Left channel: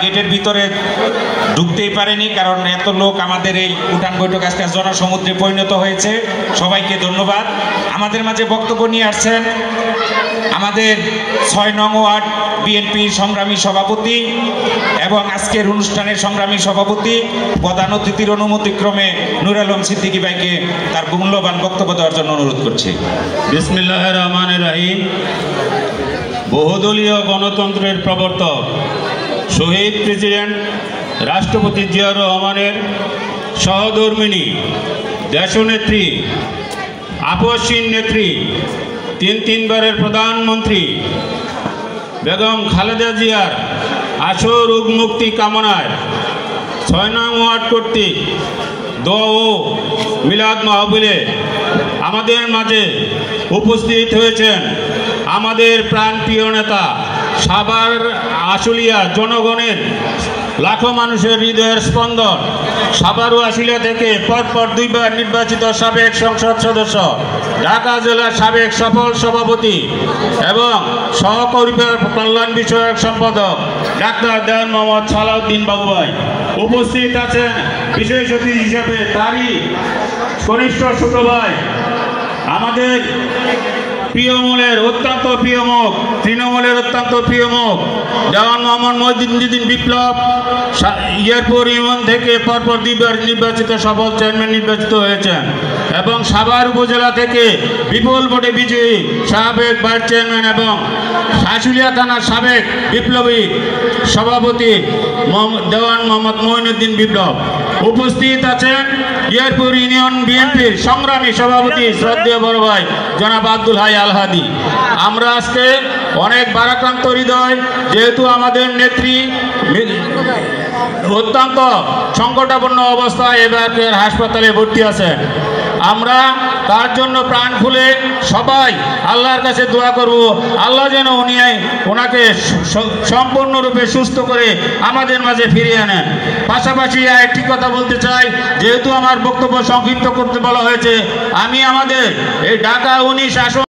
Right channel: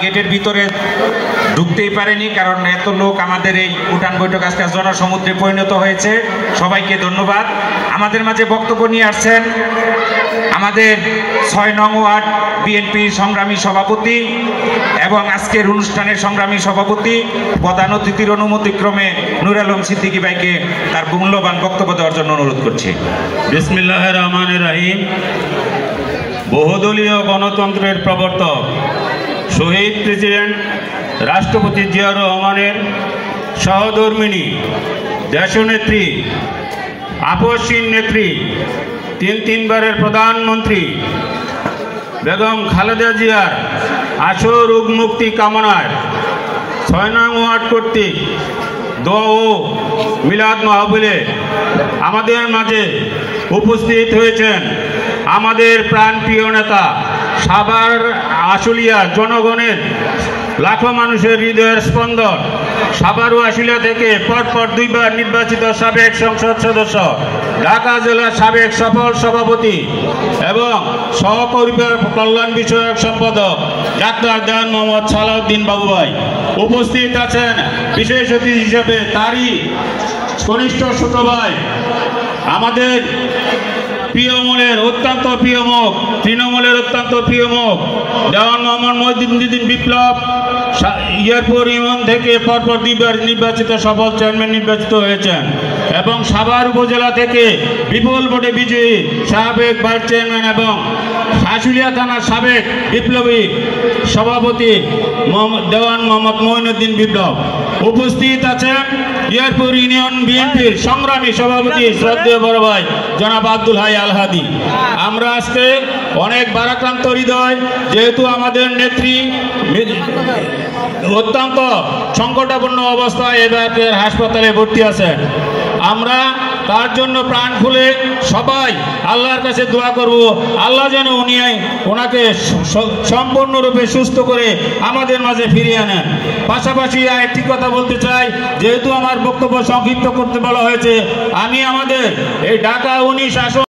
গেটের ভিতরে ঢুকতেই পারেনি, কারণ এত লোক আমাদের এই উঠান বৈঠক আজকে জনসমুদ্রে পরিণত হয়েছে। সবাইকে ধন্যবাদ। আমাদের মাঝে বক্তব্য নিয়ে আসছেন আমাদের ৬ নং ওয়ার্ড বিএনপির সংগ্রামী সভাপতি এবং আজকের অনুষ্ঠানের সংগ্রামী সভাপতি, প্রধান অতিথির অনুমতিক্রমে নূর আলম সিদ্দিকী ভাইকে তার মূল্যবান বক্তব্য দেওয়ার জন্য অনুরোধ করছি। বিসমিল্লাহির রহমানির রহিম। বহুদলীয় গণতন্ত্রের প্রবর্তক শহীদ প্রেসিডেন্ট রাষ্ট্রপতি জিয়াউর রহমানের সহধর্মিণী দেশনেত্রী, আপসহীন নেত্রী, তিনবারের প্রধানমন্ত্রী বেগম খালেদা জিয়ার আশু রোগ মুক্তি কামনায় ৬ নং ওয়ার্ড কর্তৃক দোয়া ও মিলাদ মাহফিলে আমাদের মাঝে উপস্থিত হয়েছেন আমাদের প্রাণপ্রিয় নেতা, সাভার আশুলিয়া জনগণের লাখো মানুষের হৃদয়ের স্পন্দন, সাভার ও আশুলিয়া থেকে পরপর 2 বার নির্বাচিত সাবেক সংসদ সদস্য, ঢাকা জেলার সাবেক সফল সভাপতি এবং সহপরিবার কল্যাণ বিষয়ক সম্পাদক ডাক্তার দেওয়ান মোহাম্মদ সালাউদ্দিন বাবু ভাই উপস্থিত আছেন। বিশেষ অতিথি হিসেবে তারই কনিষ্ঠ ছোট ভাই, আমাদের প্রিয় মনের অত্যন্ত প্রিয় মুখ, তৃণমূলের অত্যন্ত প্রিয় মুখ দেওয়ান মোহাম্মদ মহিউদ্দিন বিপ্লব ইয়ারপুর ইউনিয়ন থেকে পরপর 2 বার নির্বাচিত সফল চেয়ারম্যান নির্বাচিত হয়েছেন এবং সাভার উপজেলা থেকে বিপুল ভোটে বিজয়ী সাবেক ভাইস চেয়ারম্যান এবং আশুলিয়া থানার সাবেক বিপ্লবী সভাপতি দেওয়ান মোহাম্মদ মহিউদ্দিন বিপ্লব উপস্থিত আছেন। ইয়ারপুর ইউনিয়ন বিএনপির সংগ্রামী সভাপতি শ্রদ্ধেয় বড় ভাই জনাব আব্দুল হাই আল হাদি। আমরা আজকে অনেক বারাক্রান্ত হৃদয়, যেহেতু আমাদের নেত্রী অত্যন্ত সংকটাপন্ন অবস্থায় এবার হাসপাতালে ভর্তি আছেন, আমরা তার জন্য প্রাণ খুলে সবাই আল্লাহর কাছে দোয়া করব, আল্লাহ যেন ওনাকে সম্পূর্ণরূপে সুস্থ করে আমাদের মাঝে ফিরিয়ে আনেন। পাশাপাশি একটি কথা বলতে চাই, যেহেতু আমার বক্তব্য সংক্ষিপ্ত করতে বলা হয়েছে, আমি আমাদের এই ঢাকা 19 আসন